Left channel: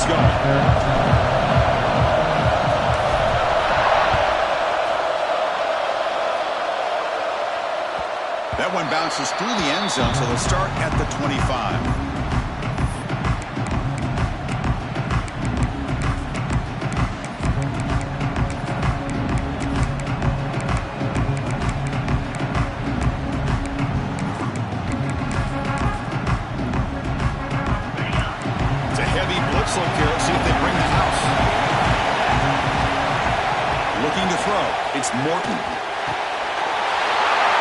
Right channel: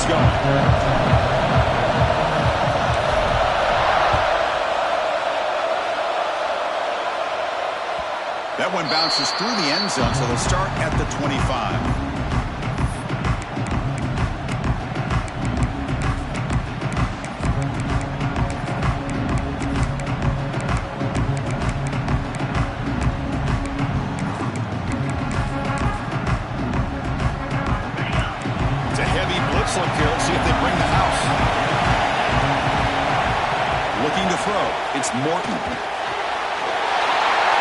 offense going. That one bounces through the end zone, so they'll start at the 25. Look here. Let's see if they bring the house. Looking to throw. It's Morton.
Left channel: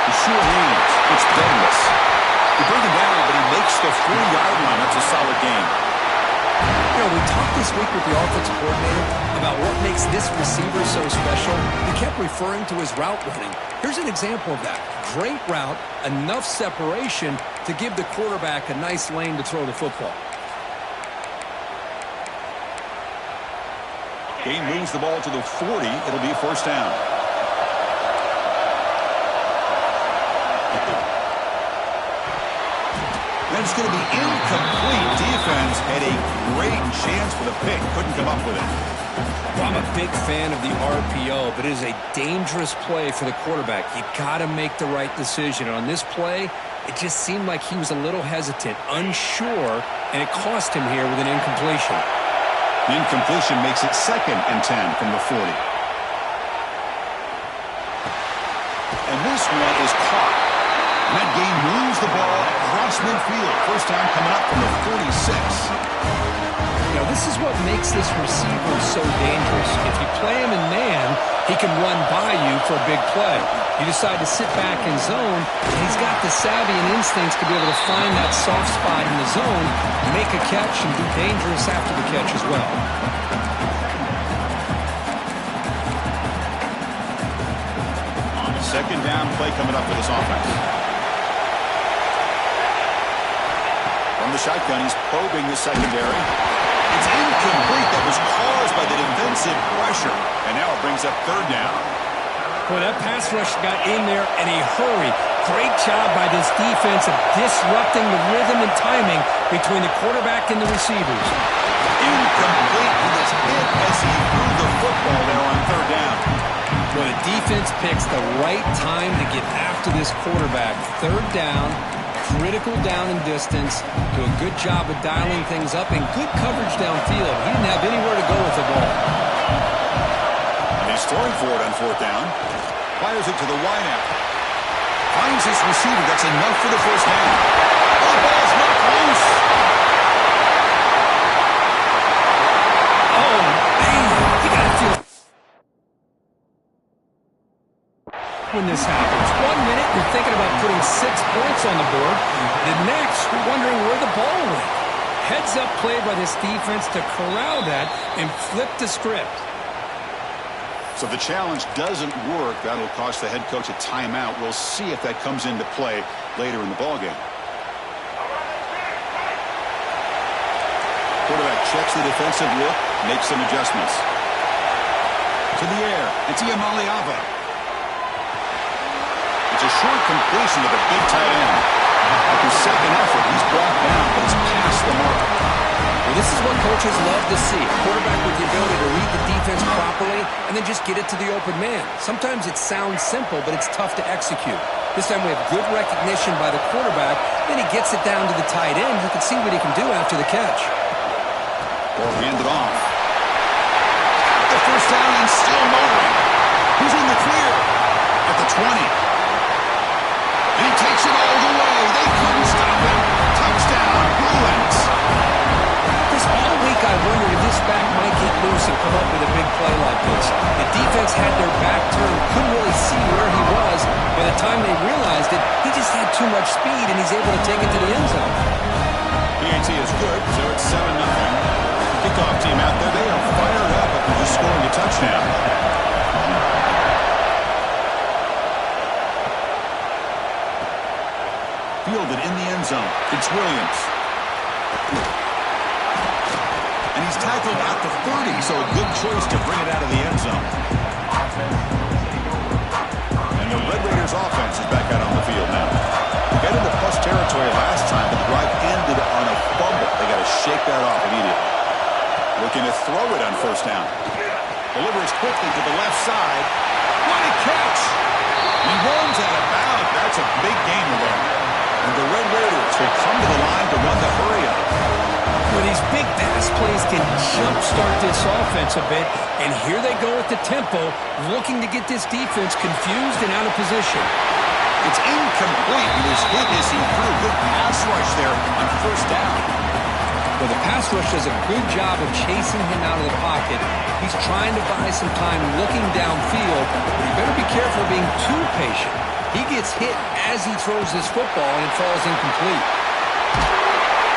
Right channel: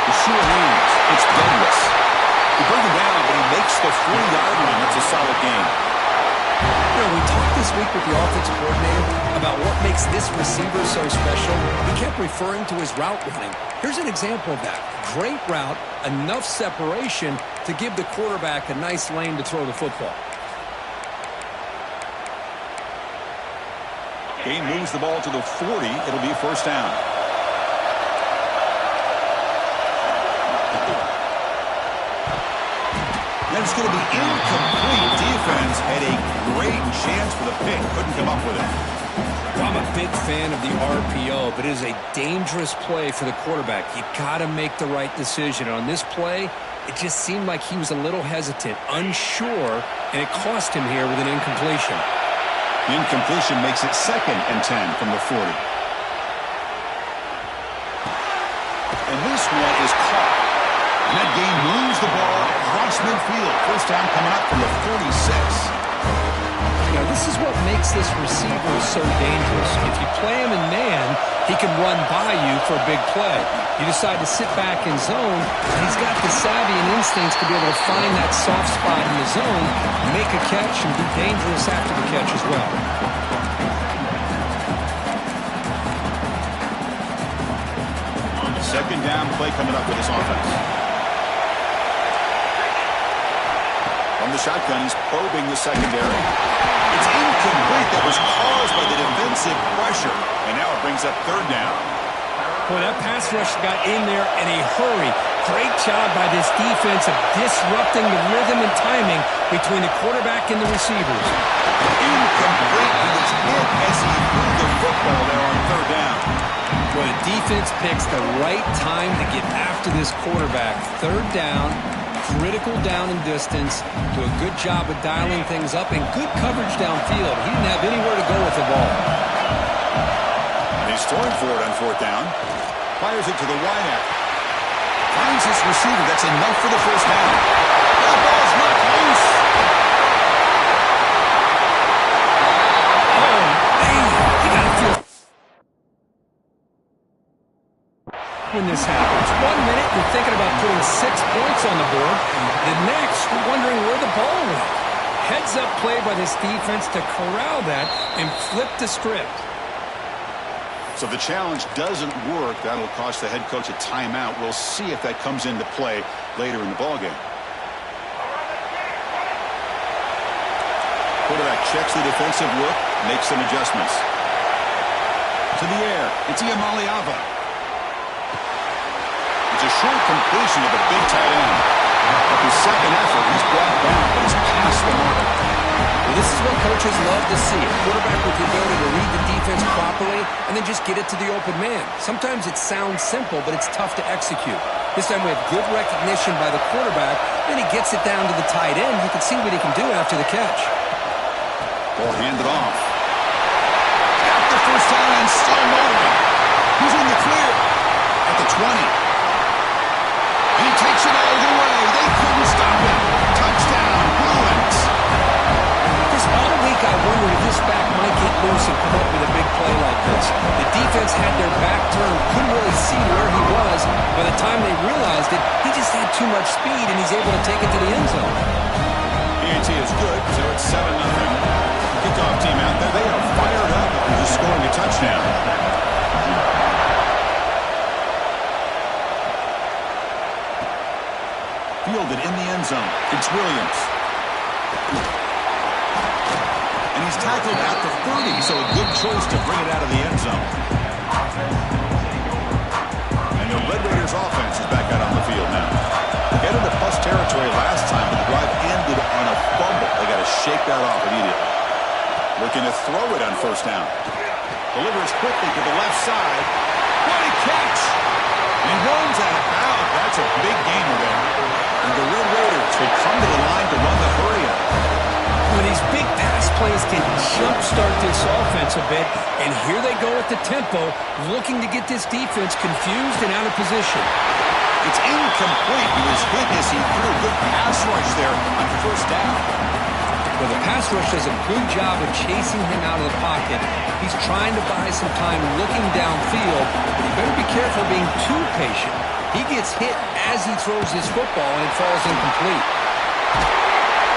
The sure leads. It's Douglas. He brings him down, but he makes the 40-yard line. That's a solid game. You know, we talked this week with the offensive coordinator about what makes this receiver so special. He kept referring to his route running. Here's an example of that. Great route, enough separation to give the quarterback a nice lane to throw the football. Game moves the ball to the 40. It'll be a first down. And it's going to be incomplete. Defense had a great chance for the pick. Couldn't come up with it. Well, I'm a big fan of the RPO, but it is a dangerous play for the quarterback. You got to make the right decision. On this play, it just seemed like he was a little hesitant, unsure, and it cost him here with an incompletion. The incompletion makes it 2nd and 10 from the 40. And this one is caught. And that game moves the ball across midfield. First down coming up from the 46. You know, this is what makes this receiver so dangerous. If you play him in man, he can run by you for a big play. You decide to sit back in zone, and he's got the savvy and instincts to be able to find that soft spot in the zone, make a catch, and be dangerous after the catch as well. Second down play coming up with this offense. From the shotgun, he's probing the secondary. It's incomplete. That was caused by the defensive pressure. And now it brings up 3rd down. Boy, that pass rush got in there in a hurry. Great job by this defense of disrupting the rhythm and timing between the quarterback and the receivers. Incomplete. He was hit as he threw the football there on 3rd down. Boy, the defense picks the right time to get after this quarterback. 3rd down. Critical down and distance, do a good job of dialing things up, and good coverage downfield. He didn't have anywhere to go with the ball. And he's throwing for it on 4th down. Fires it to the wideout. Finds his receiver. That's enough for the first down. Oh, the ball's knocked loose. Oh, man. You got to feel when this happens. 1 minute, you're thinking about putting 6 points on the board. The next, you're wondering where the ball went. Heads-up play by this defense to corral that and flip the script. So the challenge doesn't work. That'll cost the head coach a timeout. We'll see if that comes into play later in the ballgame. Quarterback checks the defensive look, makes some adjustments. To the air, it's Iamaleava. It's a short completion to the big tight end. At his second effort, he's brought down, but he's past the mark. Well, this is what coaches love to see. A quarterback with the ability to read the defense properly and then just get it to the open man. Sometimes it sounds simple, but it's tough to execute. This time we have good recognition by the quarterback. Then he gets it down to the tight end. You can see what he can do after the catch. Ball handed off. Got the first down and still motoring. He's in the clear at the 20. And he takes it all the way. They couldn't stop him. Touchdown, Bruins. Just all week I wondered if this back might get loose and come up with a big play like this. The defense had their back turned, couldn't really see where he was. By the time they realized it, he just had too much speed, and he's able to take it to the end zone. PAT is good, so it's 7-0. Kickoff team out there, they are fired up after just scoring a touchdown. Fielded in the end zone. It's Williams. And he's tackled at the 30, so a good choice to bring it out of the end zone. And the Red Raiders offense is back out on the field now. Get into plus territory last time, but the drive ended on a fumble. They got to shake that off immediately. Looking to throw it on first down. Delivers quickly to the left side. What a catch! And he runs out of bounds. That's a big gainer there. And the Red Raiders will come to the line to run the hurry-up. Well, these big pass plays can jumpstart this offense a bit. And here they go at the tempo, looking to get this defense confused and out of position. It's incomplete. He was hit as he threw. Good pass rush there on first down. Well, the pass rush does a good job of chasing him out of the pocket. He's trying to buy some time looking downfield, but he better be careful being too patient. He gets hit as he throws this football, and it falls incomplete.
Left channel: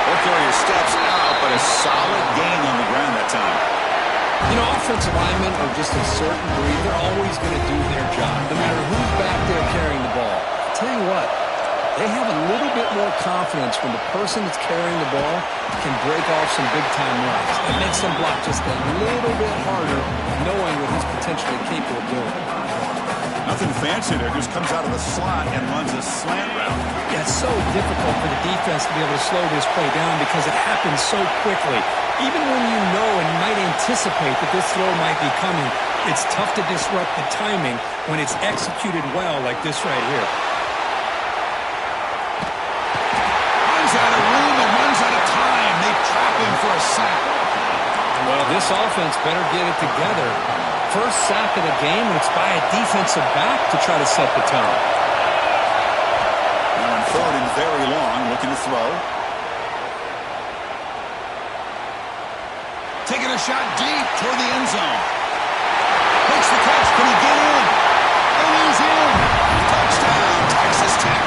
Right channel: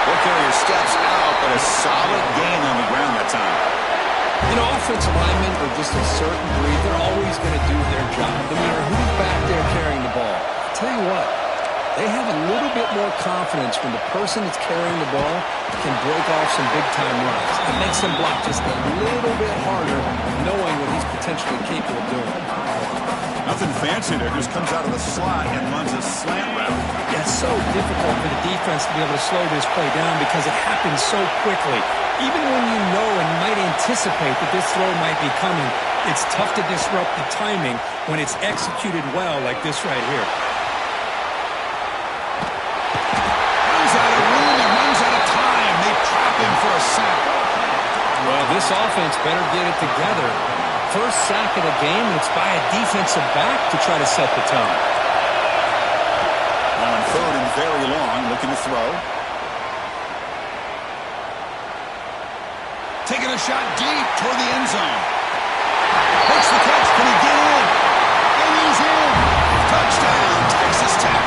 Both carrier steps out, but a solid gain on the ground that time. You know, offensive linemen are just a certain breed. They're always going to do their job, no matter who's back there carrying the ball. I'll tell you what, they have a little bit more confidence when the person that's carrying the ball can break off some big-time runs. It makes them block just a little bit harder, knowing what he's potentially capable of doing. Nothing fancy there. Just comes out of the slot and runs a slant route. Yeah, it's so difficult for the defense to be able to slow this play down because it happens so quickly. Even when you know and might anticipate that this throw might be coming, it's tough to disrupt the timing when it's executed well like this right here. Runs out of room and runs out of time. They trap him for a sack. Well, this offense better get it together. First sack of the game, and it's by a defensive back to try to set the tone. Now on third and very long, looking to throw. Taking a shot deep toward the end zone. Makes the catch. Can he get in? And he's in. Touchdown, Texas Tech.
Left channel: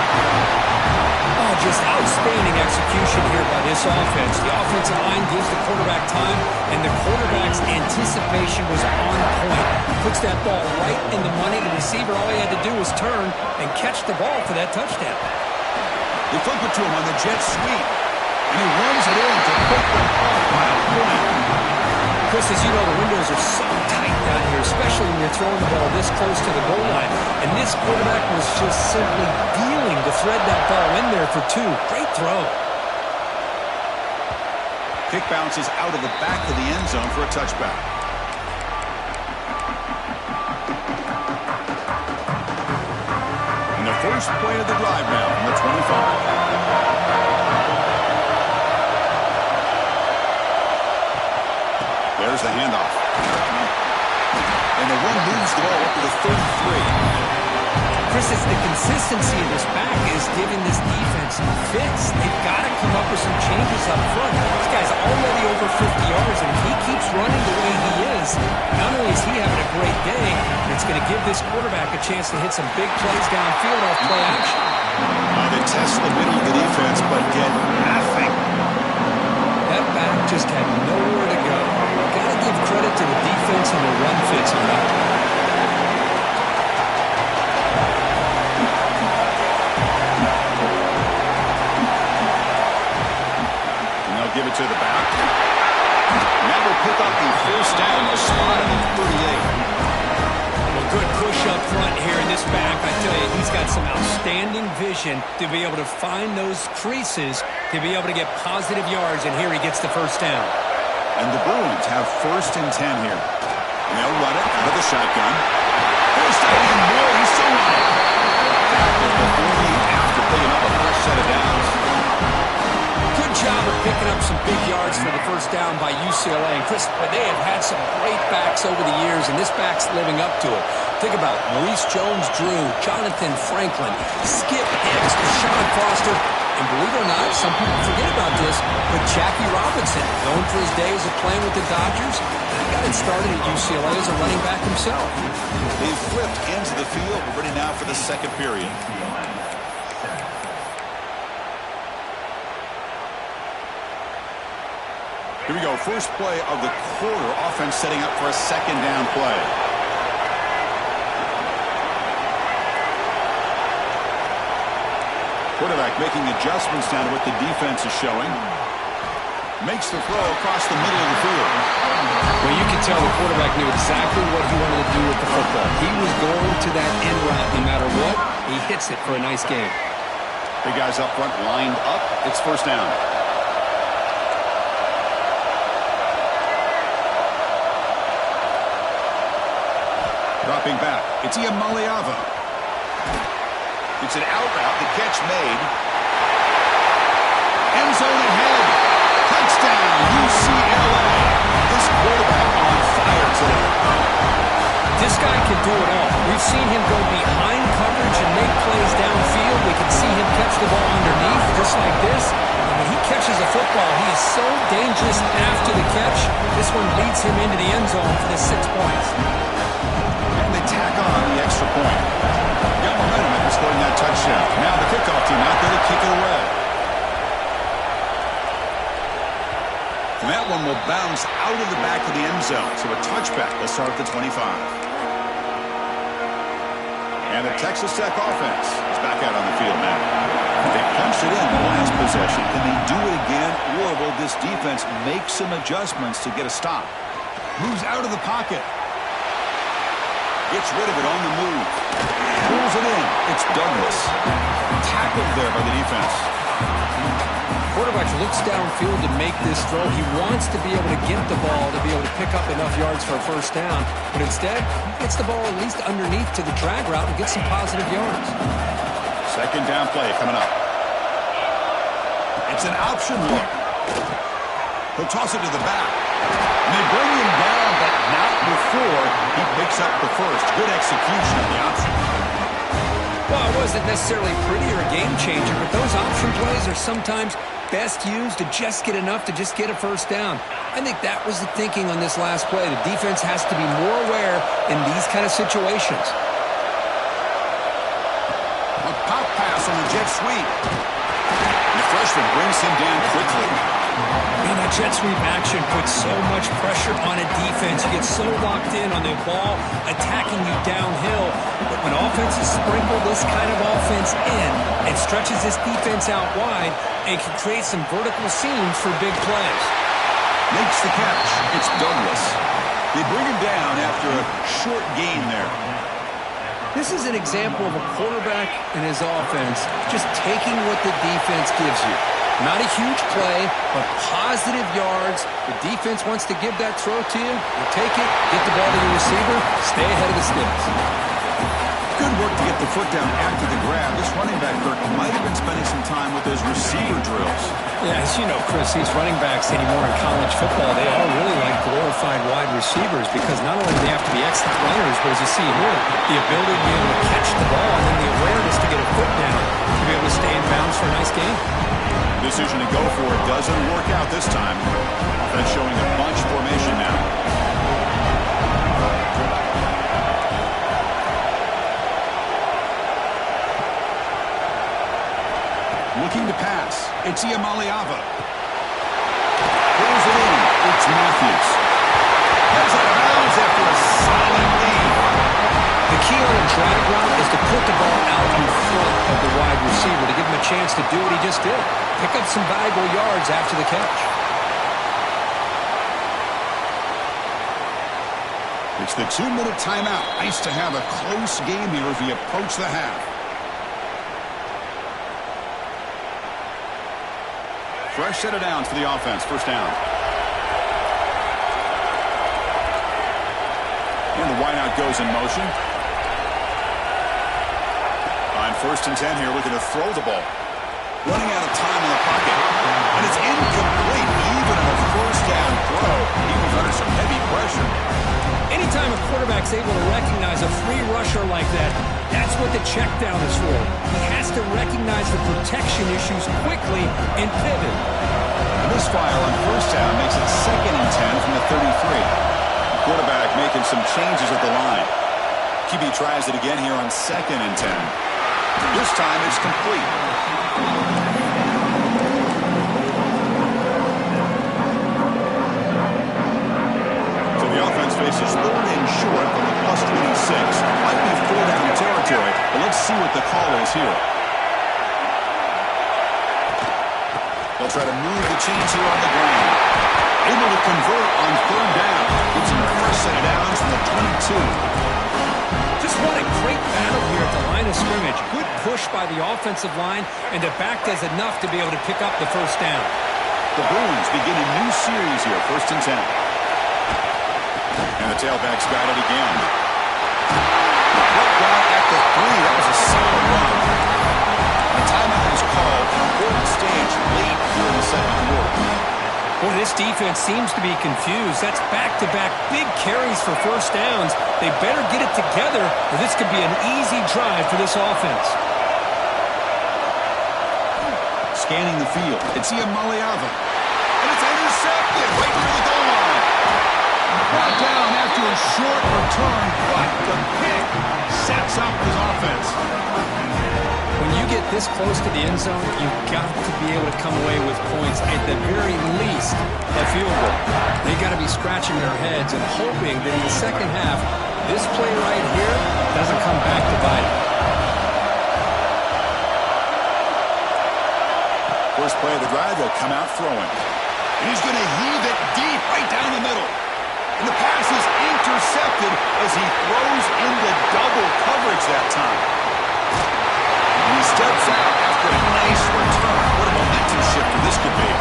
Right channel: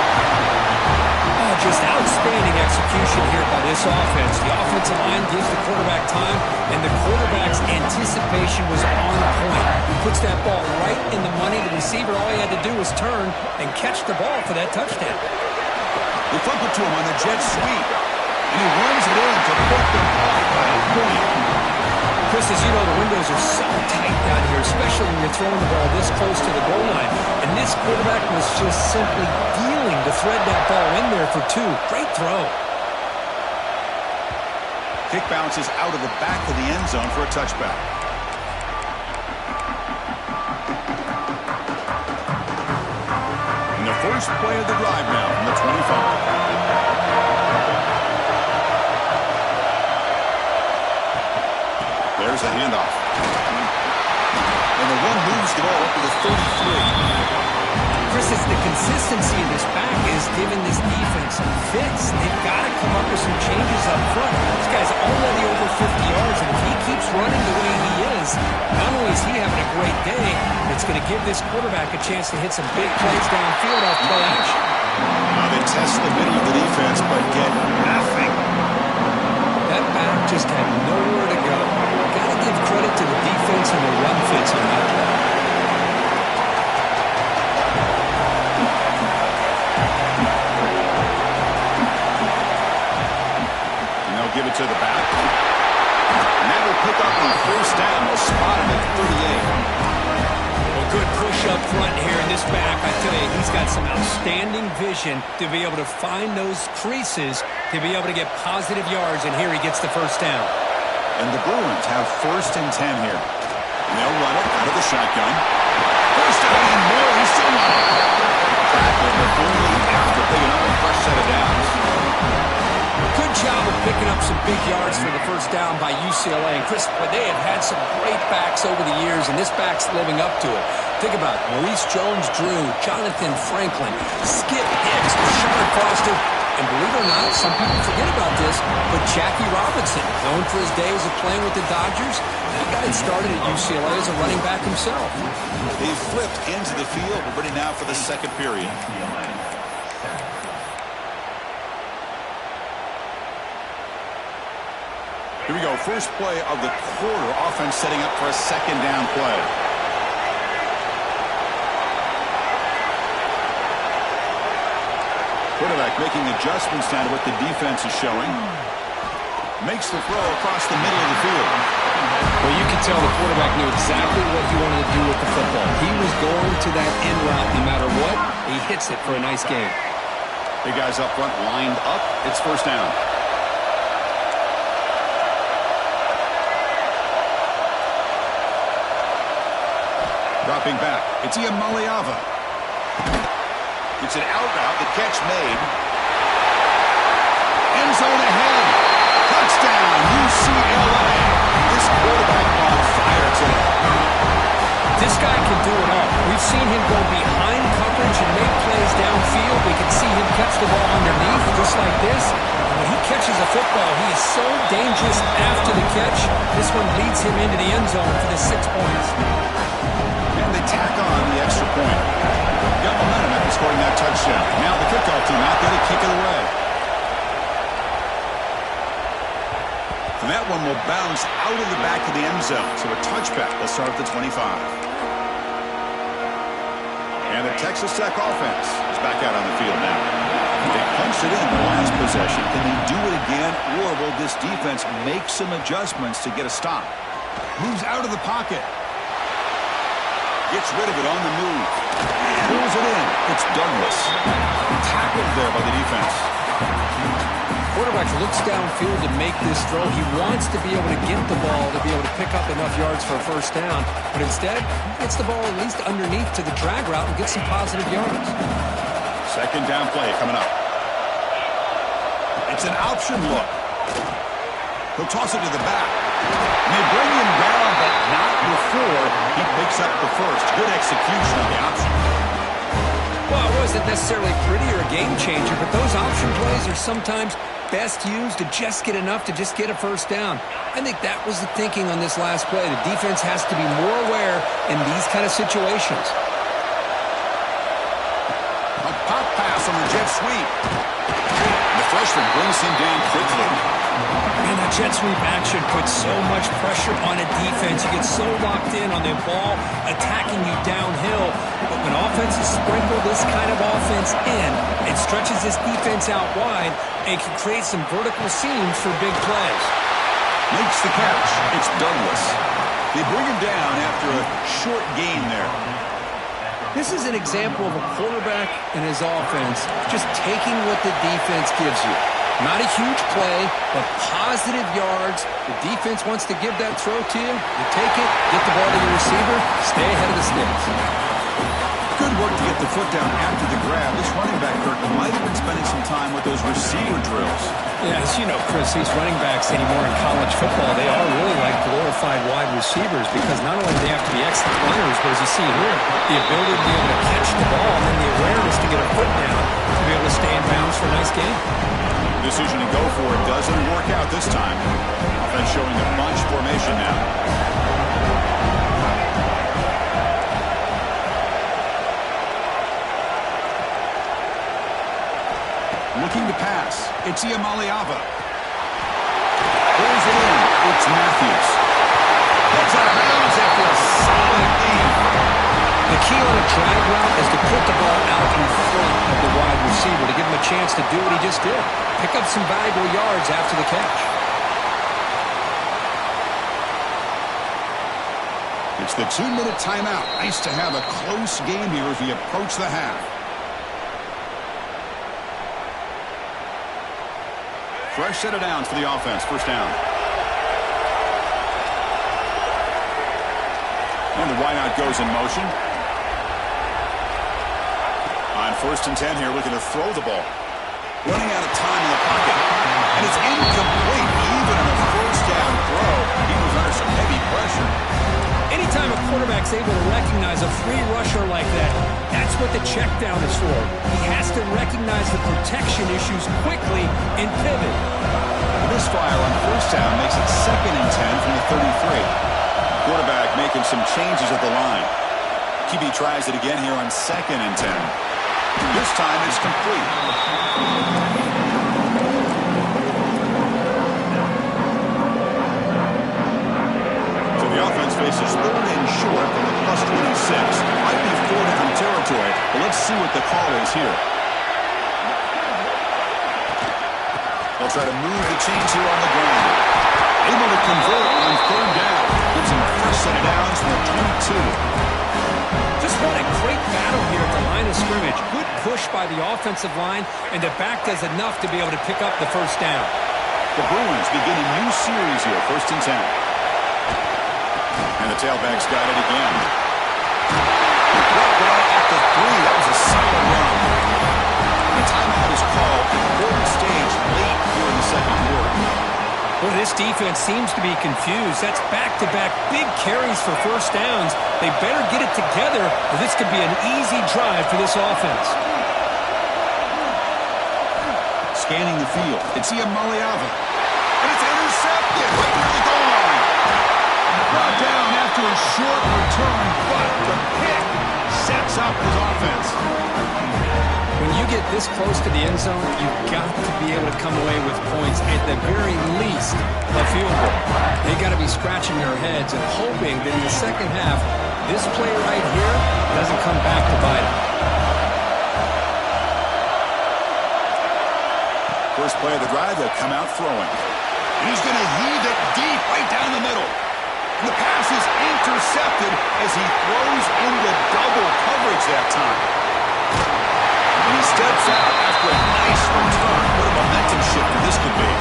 Oh, just outstanding execution here by this offense. The offensive line gives the quarterback time, and the quarterback's anticipation was on point. Puts that ball right in the money. The receiver, all he had to do was turn and catch the ball for that touchdown. They flip it to him on the jet sweep, and he runs it in to put them up by a point. Chris, as you know, the windows are so tight down here, especially when you're throwing the ball this close to the goal line. And this quarterback was just simply dealing to thread that ball in there for two. Great throw. Kick bounces out of the back of the end zone for a touchback. And the first play of the drive now from the 25. There's the handoff. And the one moves the ball up to the 33. Chris, it's the consistency of this back is giving this defense some fits. They've got to come up with some changes up front. This guy's already over 50 yards, and if he keeps running the way he is, not only is he having a great day, it's going to give this quarterback a chance to hit some big plays downfield off play action. They test the middle of the defense, but get nothing. That back just had nowhere to go. Got to give credit to the defense and the run fits on that play. And they'll give it to the back. And that will pick up the first down. They'll spot him at 38. Well, good push up front here in this back. I tell you, he's got some outstanding vision to be able to find those creases, to be able to get positive yards, and here he gets the first down. And the Bruins have first and 10 here. And they'll run it out of the shotgun. First down and more. He's still running. Tackled, but only after picking up a fresh set of downs. Good job of picking up some big yards for the first down by UCLA. And Chris, they have had some great backs over the years, and this back's living up to it. Think about Maurice Jones-Drew, Jonathan Franklin, Skip Hicks, Deshaun Foster, and believe it or not, some people forget about this, but Jackie Robinson, known for his days of playing with the Dodgers, he got it started at UCLA as a running back himself. They've flipped into the field. We're ready now for the second period. Here we go. First play of the quarter. Offense setting up for a second down play. Quarterback making adjustments down to what the defense is showing. Makes the throw across the middle of the field. Well, you can tell the quarterback knew exactly what he wanted to do with the football. He was going to that end route no matter what. He hits it for a nice gain. Big guys up front lined up. It's first down. Dropping back. It's Iamaleava. It's an out route. The catch made. End zone ahead. Touchdown, UCLA. This quarterback on fire today. This guy can do it all. We've seen him go behind coverage and make plays downfield. We can see him catch the ball underneath, just like this. And when he catches a football, he is so dangerous after the catch. This one leads him into the end zone for the 6 points. And they tack on the extra point. Got momentum after scoring that touchdown. Now the kickoff team out there to kick it away. And that one will bounce out of the back of the end zone. So a touchback. They'll start at the 25. And the Texas Tech offense is back out on the field now. They punched it in the last possession. Can they do it again, or will this defense make some adjustments to get a stop? Moves out of the pocket. Gets rid of it on the move. Pulls it in. It's Douglas. Tackled there by the defense. Quarterback looks downfield to make this throw. He wants to be able to get the ball to be able to pick up enough yards for a first down. But instead, he gets the ball at least underneath to the drag route and gets some positive yards. Second down play coming up. It's an option look. He'll toss it to the back. And they bring him down, but not before he picks up the first. Good execution on the option. Well, it wasn't necessarily pretty or a game changer, but those option plays are sometimes best used to just get enough to just get a first down. I think that was the thinking on this last play. The defense has to be more aware in these kind of situations. A pop pass on the jet sweep. And the freshman brings him down quickly. Man, that jet sweep action puts so much pressure on a defense. You get so locked in on the ball attacking you downhill. But when offenses sprinkle this kind of offense in, it stretches this defense out wide and can create some vertical seams for big plays. Makes the catch. It's Douglas. They bring him down after a short gain there. This is an example of a quarterback and his offense just taking what the defense gives you. Not a huge play, but positive yards. The defense wants to give that throw to you. You take it, get the ball to your receiver, stay ahead of the sticks. Good work to get the foot down after the grab. This running back, Kirk, might have been spending some time with those receiver drills. Yeah, as you know, Chris, these running backs anymore in college football, they are really like glorified wide receivers because not only do they have to be excellent runners, but as you see here, the ability to be able to catch the ball and then the awareness to get a foot down to be able to stay in bounds for a nice game. Decision to go for it doesn't work out this time. Offense showing a bunch formation now. Looking to pass. It's Iamaleava. Pulls it in. It's Matthews. Heads out of bounds after a solid gain. The key on a drag route is to put the ball out in front of the wide receiver to give him a chance to do what he just did. Pick up some valuable yards after the catch. It's the 2-minute timeout. Nice to have a close game here as we approach the half. Fresh set of downs for the offense. First down. And the wideout goes in motion. On 1st and 10 here, looking to throw the ball. Running out of time in the pocket. And it's incomplete. Even on a first down throw, he was under some heavy pressure. Anytime a quarterback's able to recognize a free rusher like that, that's what the check down is for. He has to recognize the protection issues quickly and pivot. The misfire on first down makes it 2nd and 10 from the 33. Quarterback making some changes at the line. QB tries it again here on 2nd and 10. This time it's complete. So the offense faces 3rd and short from the +26. Might be 4-down territory, but let's see what the call is here. They'll try to move the chains here on the ground. Able to convert on 3rd down. Gives him a fresh set of downs from the 22. Just what a great battle here at the line of scrimmage. Good push by the offensive line, and the back does enough to be able to pick up the first down. The Bruins begin a new series here, 1st and 10. And the tailback's got it again. Right down at the 3. That was a solid run. A timeout is called. Important stage late here in the second quarter. Well, this defense seems to be confused. That's back-to-back big carries for first downs. They better get it together, or this could be an easy drive for this offense. Scanning the field. It's Iamaleava. And it's intercepted right near the goal line. Brought down after a short return, but the pick sets up his offense. When you get this close to the end zone, you've got to be able to come away with points, at the very least, a field goal. They got to be scratching their heads and hoping that in the second half, this play right here doesn't come back to bite them. First play of the drive, they'll come out throwing. And he's going to heave it deep right down the middle. And the pass is intercepted as he throws into double coverage that time. And he steps out after a nice return. What a momentum shifter this could be.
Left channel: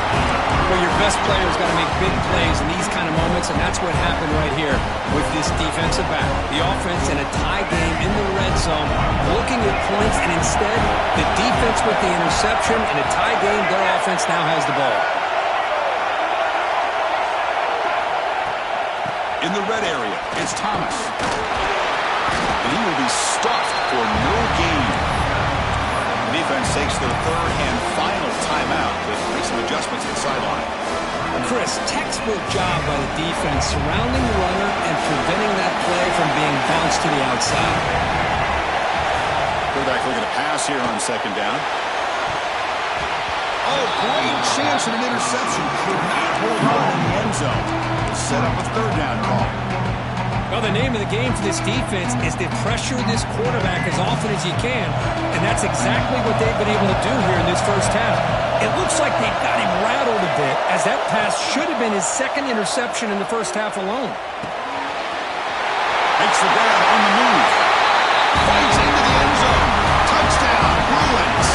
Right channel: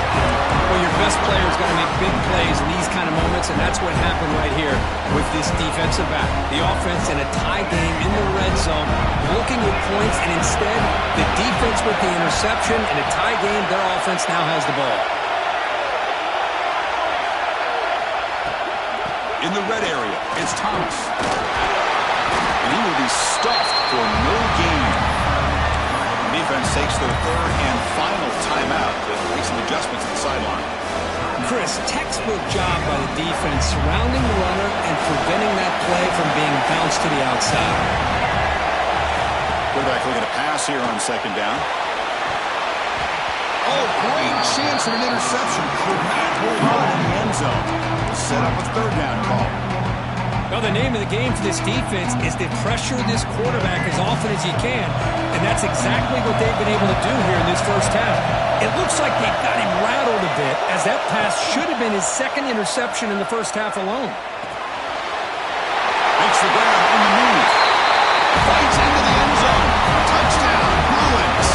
Well, your best player's got to make big plays in these kind of moments, and that's what happened right here with this defensive back. The offense in a tie game in the red zone, looking at points, and instead, the defense with the interception. In a tie game, their offense now has the ball. In the red area, it's Thomas. And he will be stuffed for no gain. The defense takes their third and final timeout to make some adjustments at the sideline. Chris, textbook job by the defense surrounding the runner and preventing that play from being bounced to the outside. Quarterback looking to pass here on second down. Oh, great chance at an interception. Could not hold on in the end zone. Set up a third down call. Well, the name of the game for this defense is to pressure this quarterback as often as you can, and that's exactly what they've been able to do here in this first half. It looks like they've got him rattled a bit, as that pass should have been his second interception in the first half alone. Makes the grab on the move. Fights into the end zone. Touchdown, Bruins.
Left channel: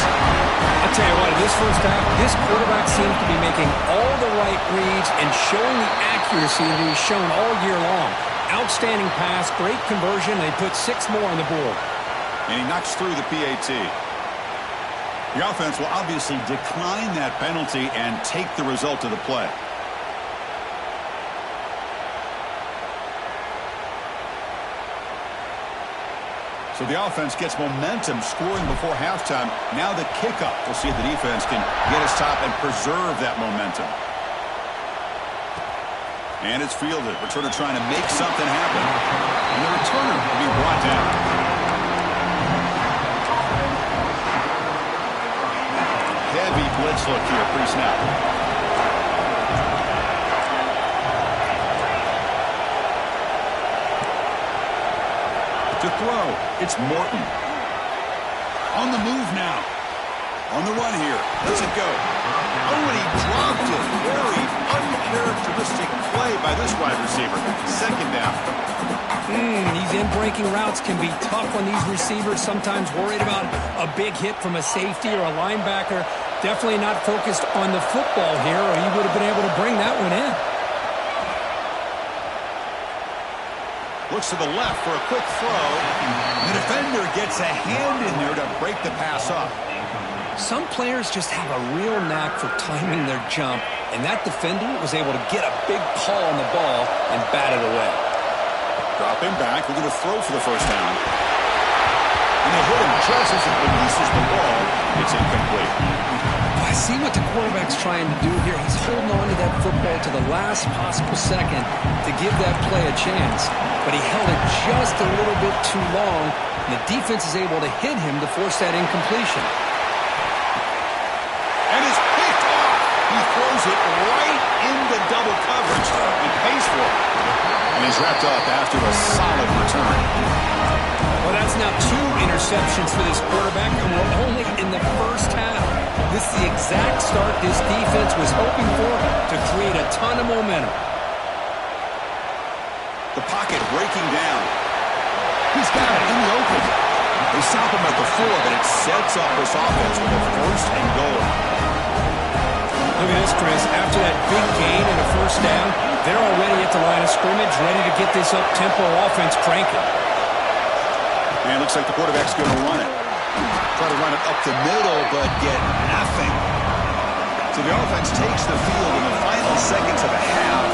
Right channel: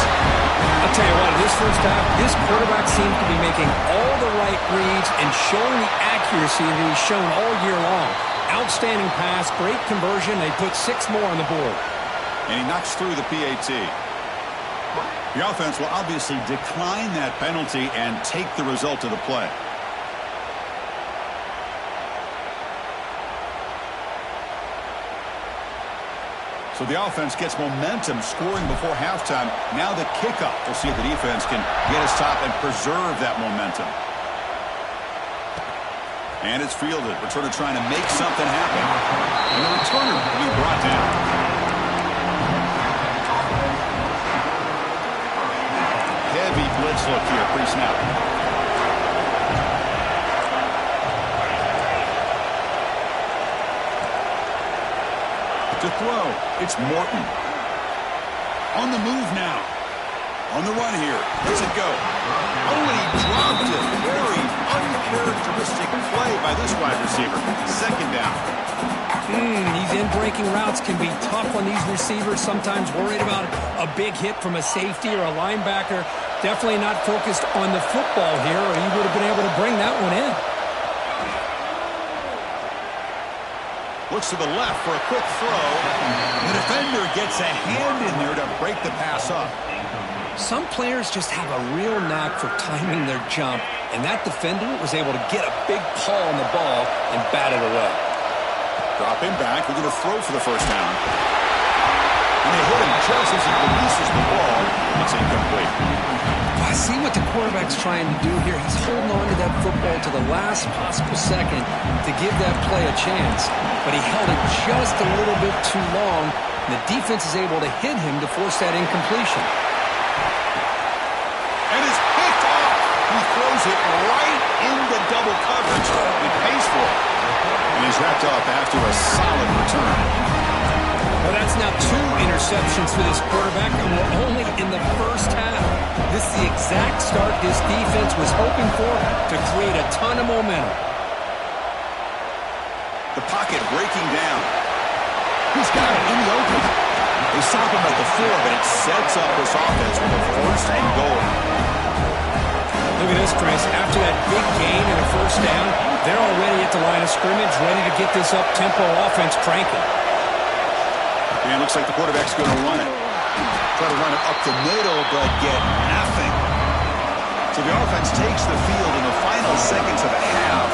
I'll tell you what, in this first half, this quarterback seems to be making all the right reads and showing the accuracy that he's shown all year long. Outstanding pass, great conversion. They put 6 more on the board. And he knocks through the PAT. The offense will obviously decline that penalty and take the result of the play. So the offense gets momentum scoring before halftime. Now the kickoff. We'll see if the defense can get his top and preserve that momentum. And it's fielded. Returner trying to make something happen. And the returner will be brought down. Heavy blitz look here pre-snap. To throw, it's Morton. On the move now. On the run here. Does it go? Oh, and he dropped it. Very uncharacteristic play by this wide receiver. Second down. These in-breaking routes can be tough on these receivers. Sometimes worried about a big hit from a safety or a linebacker. Definitely not focused on the football here, or he would have been able to bring that one in. Looks to the left for a quick throw. The defender gets a hand in there to break the pass up. Some players just have a real knack for timing their jump, and that defender was able to get a big paw on the ball and bat it away. Dropping back, we're going to throw for the first down. And they hit him just as he releases the ball. It's incomplete. I see what the quarterback's trying to do here. He's holding on to that football to the last possible second to give that play a chance. But he held it just a little bit too long, and the defense is able to hit him to force that incompletion. And it's picked off. He throws it right into double coverage and pays for it. And he's wrapped up after a solid return. Well, that's now 2 interceptions for this quarterback, and we're only in the first half. This is the exact start this defense was hoping for to create a ton of momentum. The pocket breaking down. He's got it in the open. They stop him at the 4, but it sets up this offense with a first and goal. Look at this, Chris. After that big gain and a first down, they're already at the line of scrimmage, ready to get this up-tempo offense cranking. And it looks like the quarterback's going to run it. Try to run it up the middle, but get nothing. So the offense takes the field in the final seconds of the half.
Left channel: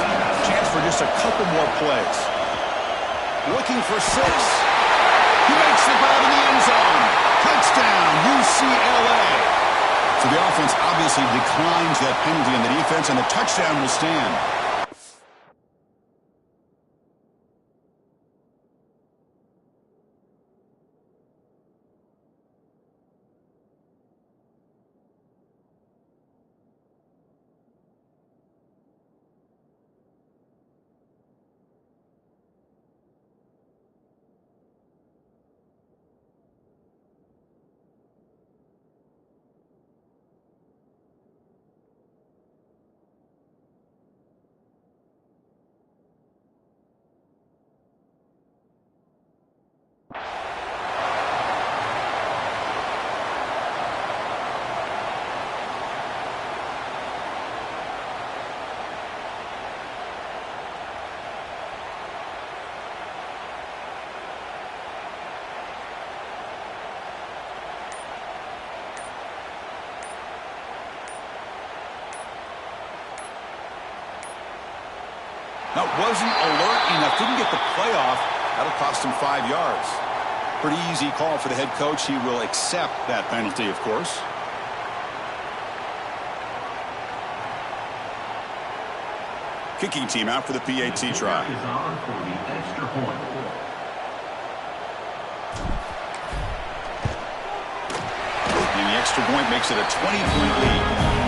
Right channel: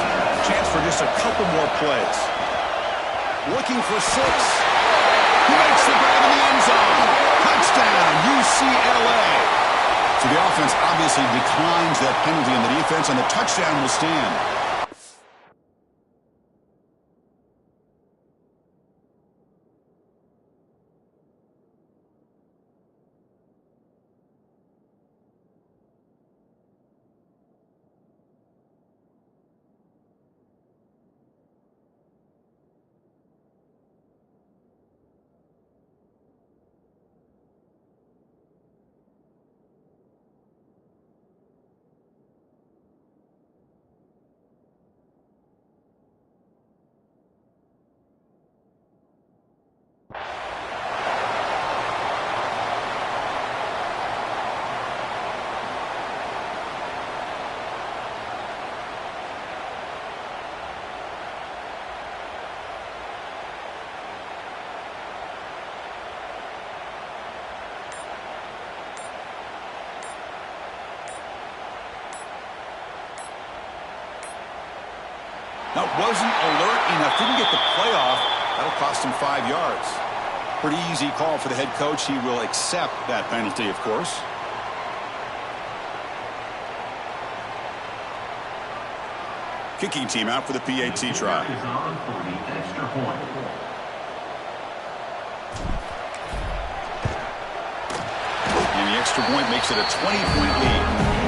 Chance for just a couple more plays. Looking for 6. He makes the grab in the end zone. Touchdown, UCLA. So the offense obviously declines that penalty on the defense, and the touchdown will stand. That wasn't alert enough. Didn't get the play off. That'll cost him 5 yards. Pretty easy call for the head coach. He will accept that penalty, of course. Kicking team out for the PAT try. Is on for the extra point. And the extra point makes it a 20-point lead.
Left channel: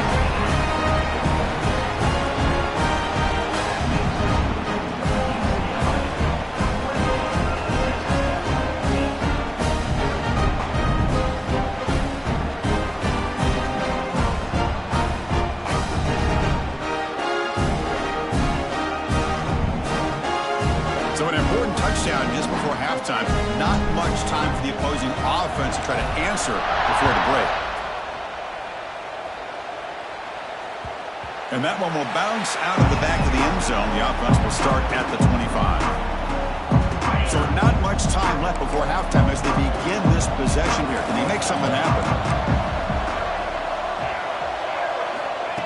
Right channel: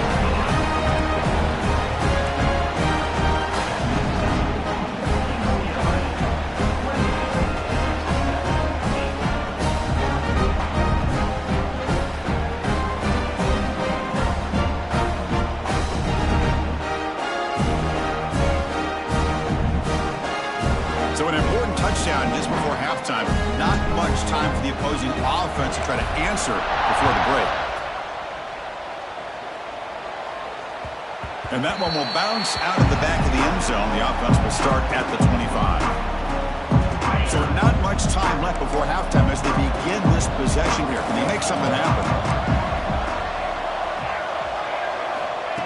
So an important touchdown just before halftime. Not much time for the opposing offense to try to answer before the break. And that one will bounce out of the back of the end zone. The offense will start at the 25. So not much time left before halftime as they begin this possession here. Can they make something happen?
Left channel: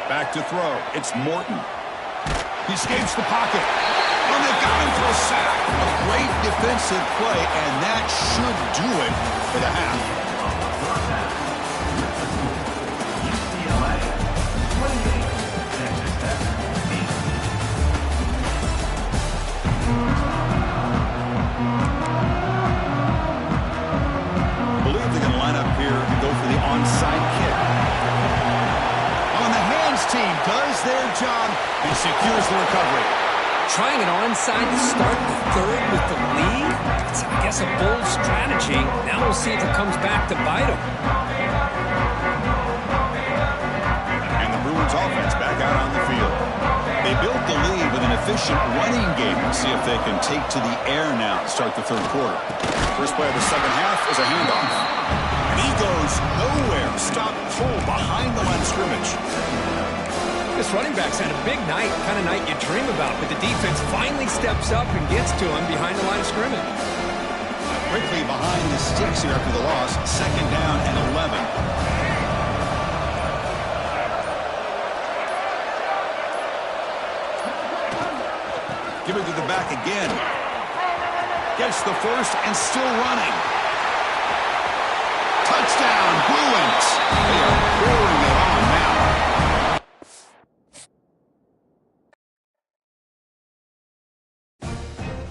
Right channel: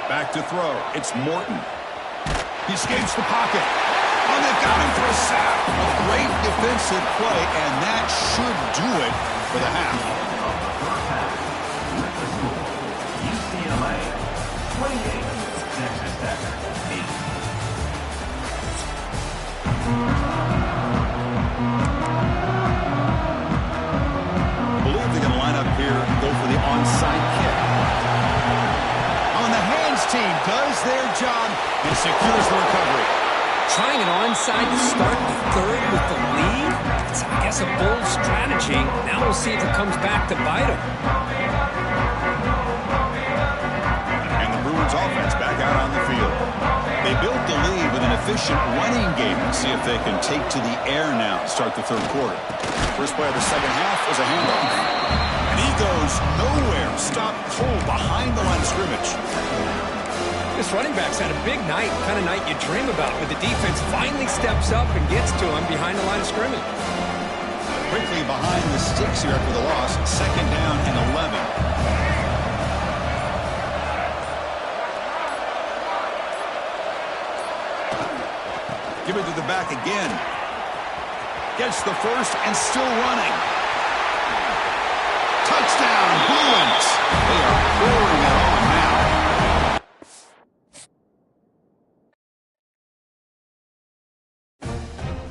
Back to throw. It's Morton. He escapes the pocket. Oh, they've got him for a sack. A great defensive play, and that should do it for the half. Of the first half, with the score, UCLA 28, Texas Tech 8. I believe they're going to line up here and go for the onside kick. On the hands team does their job and secures the recovery. Trying an onside to start the third with the lead? It's, I guess, a bold strategy. Now we'll see if it comes back to bite them. And the Bruins offense back out on the field. They built the lead with an efficient running game. Let's see if they can take to the air now to start the third quarter. First play of the second half is a handoff. And he goes nowhere. Stopped cold behind the line of scrimmage. This running back's had a big night, kind of night you dream about, but the defense finally steps up and gets to him behind the line of scrimmage. Quickly behind the sticks here after the loss. Second down and 11. Give it to the back again. Gets the first and still running. Touchdown, Bruins.